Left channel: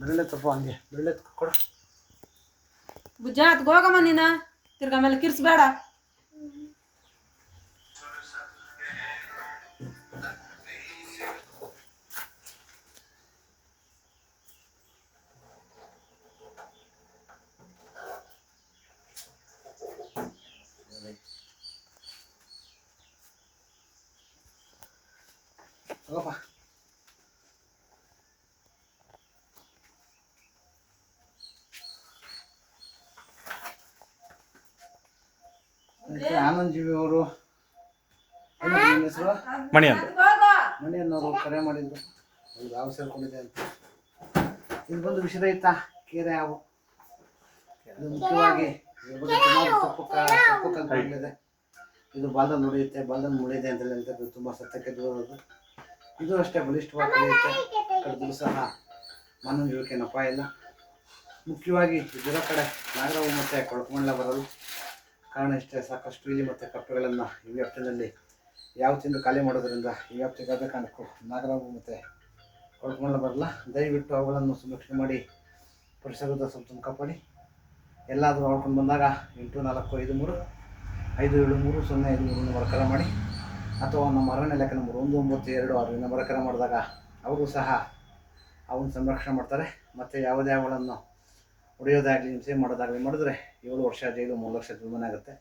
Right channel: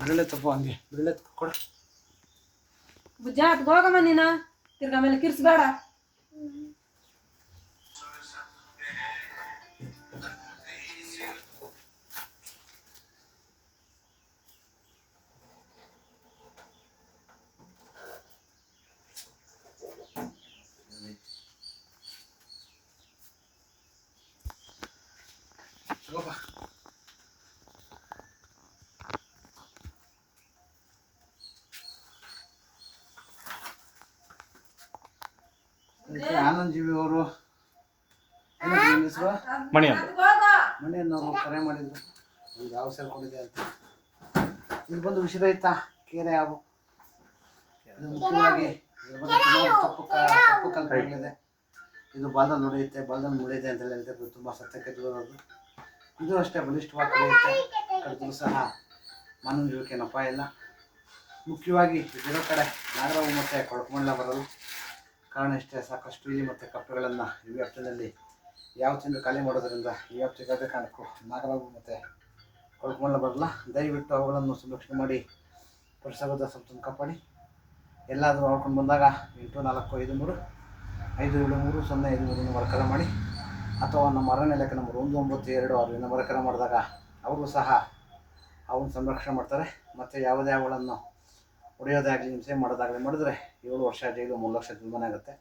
ಬೆರಳೆ ತಪ್ಪ ಹಂಗೆ ಬೆರಳೆ ಕೊಡ ಬುಜ್ಜಾತ್ ಹೋಗಮ್ಮ ನೀನ ತಿರ್ಗ ಮೇಲೆ ಕಿರ್ಸ್ಬೇಡ. ತಗೋಪ್ಪ. ಆನಂದ್ ಜೀವಿ ಅವರು ಹೆಸರು ಮಣಿ ಅಂತ ಮಣಿ ಅನ್ನೋರು ಕರೆ ಮಾಡಿದ್ರು. ಒಂದು ಹಾವು ಸೇರ್ಕೊಂಡಿದೆ ಅಂತ. ಇದು ಬಂದು ವಿಷರಹಿತ ಕೀರೆ ಹಾವು. ಇದು ಮುಖ್ಯವಾಗಿ ತಪ್ಪು ಕಲ್ಪನೆ. ಇದು ಬಾಲ್ದಲ್ಲಿ ನುಡಿಯುತ್ತೆ, ಬಾಲ್ದಲ್ಲಿ ಮುಡಿಯುತ್ತೆ ಅಂತ ಹೇಳ್ತಾರೆ. ತುಂಬ ಸತ್ಯಕ್ಕೆ ದೂರದು. ಇದು ಅಷ್ಟೇ ಬಲಿಷ್ಠವಾಗಿ ಕಳೆಯುತ್ತೆ. ಕಡಿದ್ರು ಸಹ ಮಾನವ ಜೀವಕ್ಕೆ ಅಪಾಯ ಇಲ್ಲ. ಮುಖ್ಯವಾಗಿ ಇದರ ಕಡೆ ನಾಗರವು ಮತ್ತು ಕೊಳಕಮಂಡಲ ಬರಲು ಕಾರಣ ಇಷ್ಟೇ. ಸಾಕಷ್ಟು ಇಲಿ ಮತ್ತು ಕಪ್ಪೆಗಳನ್ನು ಈ ವ್ಯಾಪ್ತಿಯಲ್ಲಿ ಯಾವ ತಿಂದು ಖಾಲಿ ಮಾಡೋದರಿಂದ ಈ ವ್ಯಾಪ್ತಿಗೆ ಯಾವುದೇ ಕಾರಣಕ್ಕೂ ನಾಗರವು ಮತ್ತು ಕೊಳಕಮಂಡಲ ಬರಲ್ಲ. ದಯವಿಟ್ಟು ಅವುಗಳನ್ನು ಸಂರಕ್ಷಣೆ ಮಾಡಿ ಪರಿಸರದ ಸಂಪೂರ್ಣ ಕಾಪಾಡಿ. ಎಲ್ಲಾದರೂ ನೋಡ್ಕೊಂಡು ಬಂದಾಗ 8453573053 ನಂಬರ್ ಕರೆ ಮಾಡಿ, ಅಥವಾ ನಮ್ಮ ಅರಣ್ಯ ಇಲಾಖೆ ನಂಬರ್ 1926 ನಂಬರ್ ಕರೆ ಮಾಡಿದಾಗ ಅವರು ಸಹ ಅವನ್ನ ಸಂರಕ್ಷಣೆ ಮಾಡ್ತಾರೆ. ಮತ್ತು ಯಾವುದೇ ಅವುಗಳನ್ನು ಹೊಡೆಯೋದಾಗಲಿ ಹಿಂಸೆ ಮಾಡೋದಾಗಲಿ ಮಾಡಿದ್ರೆ 7 ವರ್ಷ ಜೈಲು 3 ಲಕ್ಷ ದಂಡನೆ ಆಗುತ್ತೆ.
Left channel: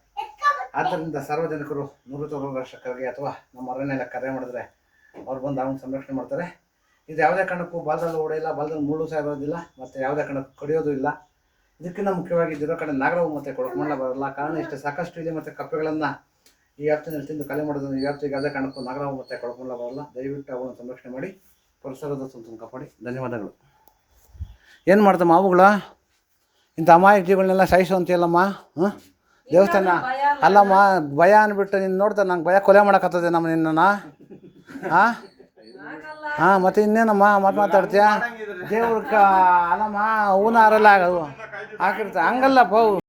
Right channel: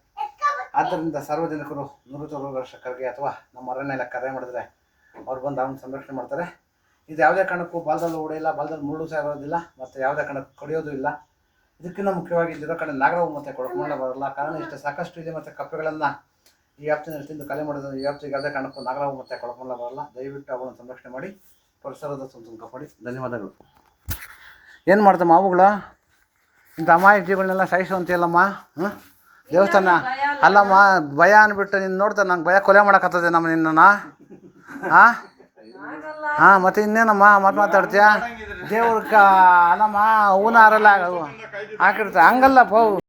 ಆದ್ದರಿಂದ ಸಾರ್ವಜನಿಕರು 100 ವರ್ಷಕ್ಕಾಗಿ ಅಥವಾ ನಮ್ಮ ಅರಣ್ಯ ಇಲಾಖೆ ಕರೆ ಮಾಡಿದ್ರೆ ಅವ್ರು ಬಂದು ಅವನ್ನ ಸಂರಕ್ಷಣೆ ಮಾಡ್ತಾರೆ. ಇದು ಯಾವುದೇ ಕಾರಣಕ್ಕೂ ಬಾಲದಲ್ಲಿ ಹೊಡೆಯಿಲ್ಲ, ಬಾಲದಲ್ಲಿ ಮುಳ್ಳು ಸಹ ಇರೋದಿಲ್ಲ, ಮತ್ತು ಯಾವುದೇ ಕಾರಣಕ್ಕೂ ಕಡಿಯೋದು ಇಲ್ಲ. ಇದಕ್ಕಿಂತ ಮುಖ್ಯವಾಗಿ ಇದರ ಕಡೆ ನಾಗರವು ಮತ್ತು ಕೊಳಕಮಂಡಲ ಬರಲ್ಲ. ಕಾರಣ ಇಷ್ಟೇ, ಸಾಕಷ್ಟು ಇದೆ ಮತ್ತು ಕಪ್ಪೆಗಳನ್ನು ಈ ವ್ಯಾಪ್ತಿನಲ್ಲಿ ತಿಂದು ಖಾಲಿ ಮಾಡೋದ್ರಿಂದ ಈ ವ್ಯಾಪ್ತಿಗೆ ಯಾವುದೇ ಕಾರಣಕ್ಕೂ ನಾಗರವು ಮತ್ತು ಕೊಳಕಮಂಡಲ ಬರಲ್ಲ. ದಯವಿಟ್ಟು ಅವನ್ನು ಸಂರಕ್ಷಣೆ ಮಾಡಿ ಪರಿಸರದ ಸಂತೋಷ ಕಾಪಾಡಿ. ಧನ್ಯವಾದಗಳು. ಏನು ಮಾಡ್ತಮ್ಮ ಅವುಗಳ ಇಂಥ ಅಮಾಯಕ ಜೀವಗಳನ್ನೆಲ್ಲ ಸಾಯಿಸುವಂತೀಯಲ್ಲಮ್ಮ? ದೇವಸ್ಥಾನ ಅಲ್ಲಮ್ಮ, ಭಯ ಅಂದ್ಬಿಟ್ಟು ನೀನು ನೋಡ್ತಾರೆ ನಂಗೆ ಭಯ ಕೊಲೆ ಮಾಡೋಕ್ಕತ್ತದೆ ನಮ್ಮ ನಿನ್ನನ್ನು. ಮತ್ತು ಇನ್ನೇನಮ್ಮ ಮಾತಾಡ್ತೀಯ? ದೇವ್ರ ಅಲ್ಲಮ್ಮ ಹೂನಾರೆಲ್ಲ ಹಾಕಿರ್ತಾರೆ ಹಂಗಲ್ಲಪ್ಪ.